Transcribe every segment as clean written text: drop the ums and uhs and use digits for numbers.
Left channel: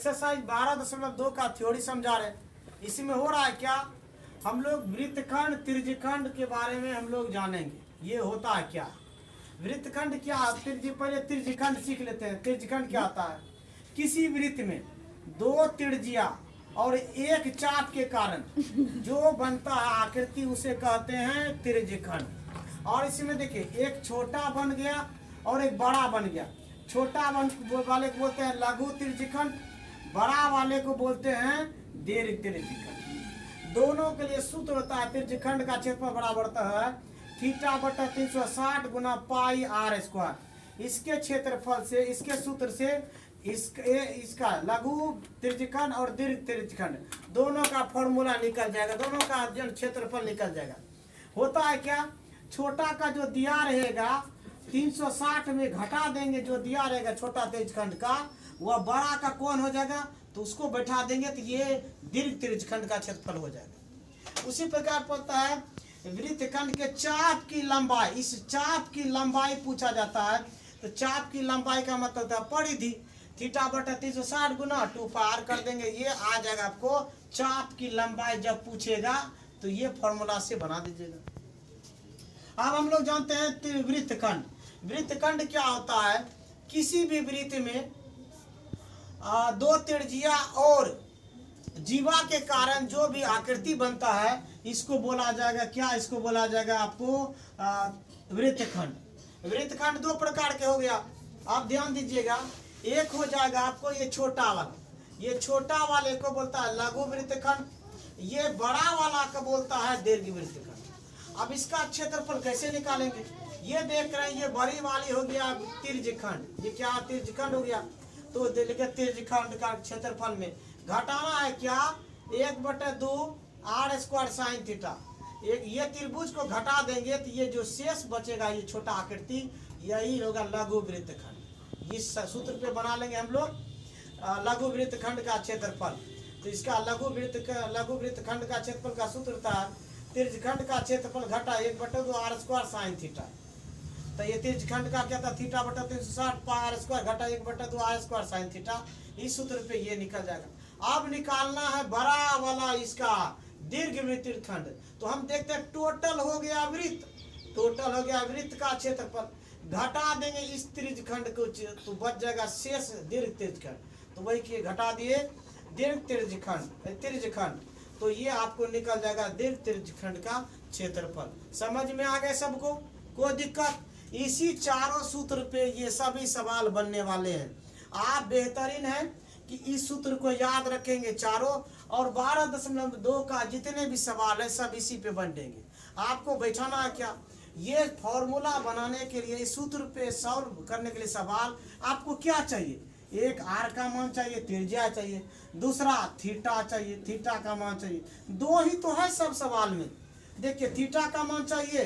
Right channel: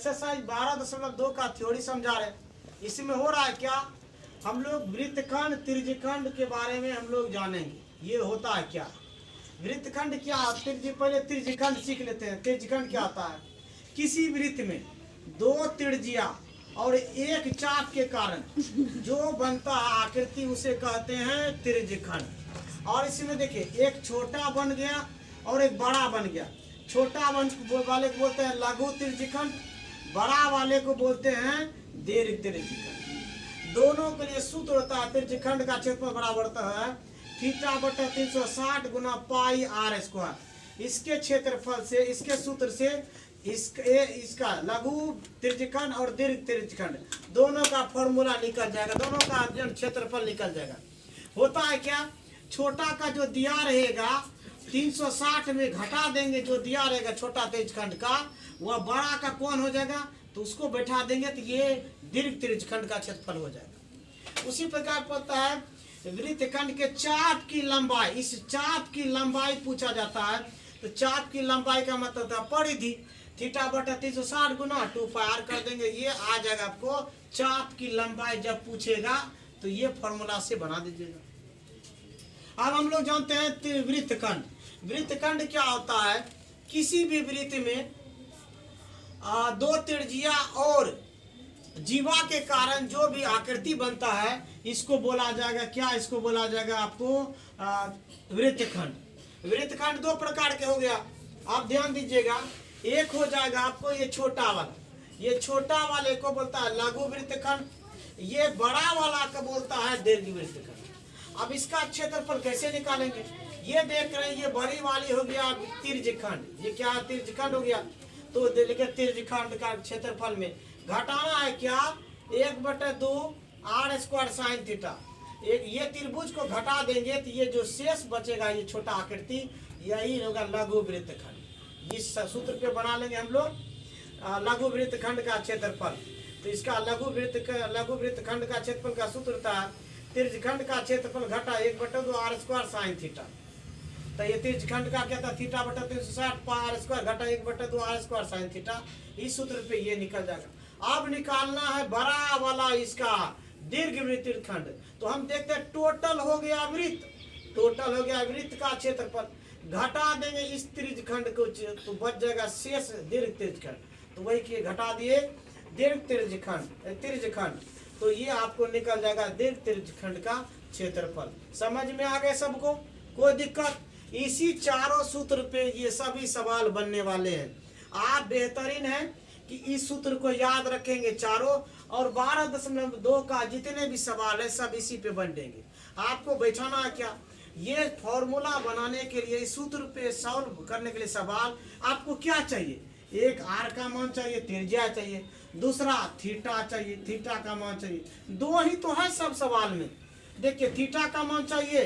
Exercise 12.2 का theory समझा रहे। इसमें हो रहा है क्या, हम लोग वृत्तखंड त्रिज्यखंड के बारे में हम लोग जानेंगे। ये होता है क्या, वृत्तखंड क्या, पहले त्रिज्यखंड सीख लेते हैं। त्रिज्यखंड क्या होता है, किसी वृत्त में दो त्रिज्या और एक चाप के कारण जो बनता है आकृति उसे कहते हैं त्रिज्यखंड। और इसमें देखिए एक छोटा बन गया और एक बड़ा बन गया। छोटा वाले को बोलते हैं लघु त्रिज्यखंड, बड़ा वाले को बोलते हैं दीर्घ त्रिज्यखंड। दोनों के लिए सूत्र होता है, त्रिज्यखंड का क्षेत्रफल बराबर होता है थीटा बटा 360 गुना पाई आर स्क्वायर। इसके क्षेत्रफल से, इसके सूत्र से इसका लघु त्रिज्यखंड और दीर्घ त्रिज्यखंड दोनों का फॉर्मूला निकल जाएगा, दोनों का क्षेत्रफल निकल जाएगा। होता है क्या, छोटा का जो दिया रहेगा 360 में घटा देंगे, जो दिया रहेगा छोटा त्रिज्यखंड का, वह बड़ा का कौन हो जाएगा, तो उसको बैठा देंगे तो ये दीर्घ त्रिज्यखंड का क्षेत्रफल हो जाएगा। उसी प्रकार पड़ता है वृत्तखंड के चाप की लंबाई, इस चाप की लंबाई पूछा जाता है। तो चाप की लंबाई का मतलब होता है परिधि, थीटा बटा 360 गुना 2 पार कर देंगे, ये आ जाएगा आपको चाप की लंबाई। जब पूछेगा तो ये फॉर्मूला से बना दीजिएगा। अब हम लोग जानते हैं वृत्तखंड। वृत्तखंड क्या होता है, किसी भी वृत्त में दो त्रिज्या और जीवा के कारण जो भी आकृति बनता है इसको बोला जाएगा क्या, इसको बोला जाएगा आपको वृत्तखंड। वृत्तखंड दो प्रकार के हो गया, आप ध्यान दीजिएगा। एक हो जाएगा आपको ये छोटा वाला, ये छोटा वाले को बोलता है लघु वृत्तखंड, ये बड़ा वाला को बोलता है दीर्घ वृत्तखंड। अब इसका क्षेत्रफल कैसे निकालेंगे, ये देख रहे हैं, ये बड़ी वाली हो गया त्रिज्यखंड, ये क्या त्रिज्यखंड हो गया। तो त्रिज्यखंड का क्षेत्रफल में घटाना है क्या, 1/2 आर स्क्वायर साइन थीटा। एक ये त्रिभुज को घटा देंगे तो ये जो शेष बचेगा, ये छोटा आकृति, यही होगा लघु वृत्तखंड। इस सूत्र पे बना लेंगे हम लोग लघु वृत्तखंड का क्षेत्रफल। तो इसका लघु वृत्तखंड का क्षेत्रफल का सूत्र था त्रिज्यखंड का क्षेत्रफल घटा 1/2 आर स्क्वायर साइन थीटा। तो ये त्रिज्यखंड का क्या था, थीटा बटा 360 पाई आर स्क्वायर घटा 1/2 आर स्क्वायर साइन थीटा। इस सूत्र पे ये निकल जाएगा। अब निकालना है बड़ा वाला इसका दीर्घ वृत्तखंड। तो हम देखते हैं टोटल हो गया वृत्त, टोटल हो गया वृत्त का क्षेत्रफल, घटा देंगे इस त्रिज्यखंड को तो बच जाएगा शेष दीर्घ त्रिज्यखंड। तो वही किए, घटा दिए दीर्घ त्रिज्यखंड, तो ये आपको निकल जाएगा दीर्घ त्रिज्यखंड का क्षेत्रफल। समझ में आ गए सबको, कोई दिक्कत? इसी चारों सूत्र पे ये सभी सवाल बनने वाले हैं। आप बेहतरीन है कि इस सूत्र को याद रखेंगे चारों, और 12.2 का जितने भी सवाल है सब इसी पे बनेंगे। आपको बैठाना है क्या, ये फॉर्मूला बनाने के लिए, इस सूत्र पे सॉल्व करने के लिए सवाल आपको क्या चाहिए, एक आर का मान चाहिए, त्रिज्या चाहिए, दूसरा थीटा चाहिए, थीटा का मान चाहिए। दो ही तो है सब सवाल में। देखिए थीटा का मान चाहिए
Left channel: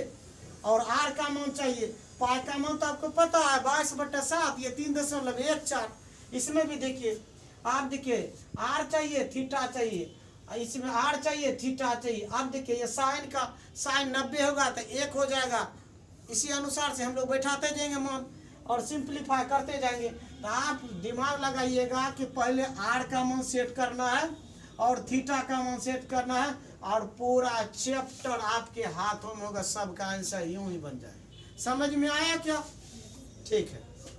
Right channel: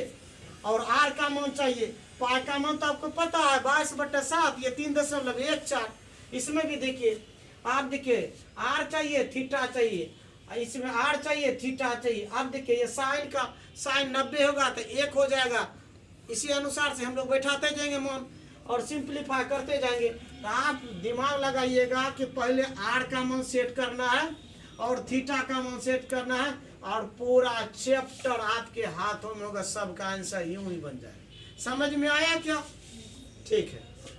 और आर का मान चाहिए। पाई का मान तो आपको पता है 22/7, ये 3.14। इसमें भी देखिए, आप देखिए आर चाहिए, थीटा चाहिए, इसमें आर चाहिए, थीटा चाहिए। अब देखिए ये साइन का, साइन 90 होगा तो 1 हो जाएगा। इसी अनुसार से हम लोग बैठाते जाएंगे मान और सिंप्लीफाई करते जाएंगे। तो आप दिमाग लगाइएगा कि पहले आर का मान सेट करना है और थीटा का मान सेट करना है, और पूरा चैप्टर आपके हाथों में होगा, सबका आंसर यूं ही बन जाएगा। समझ में आया क्या? ठीक है।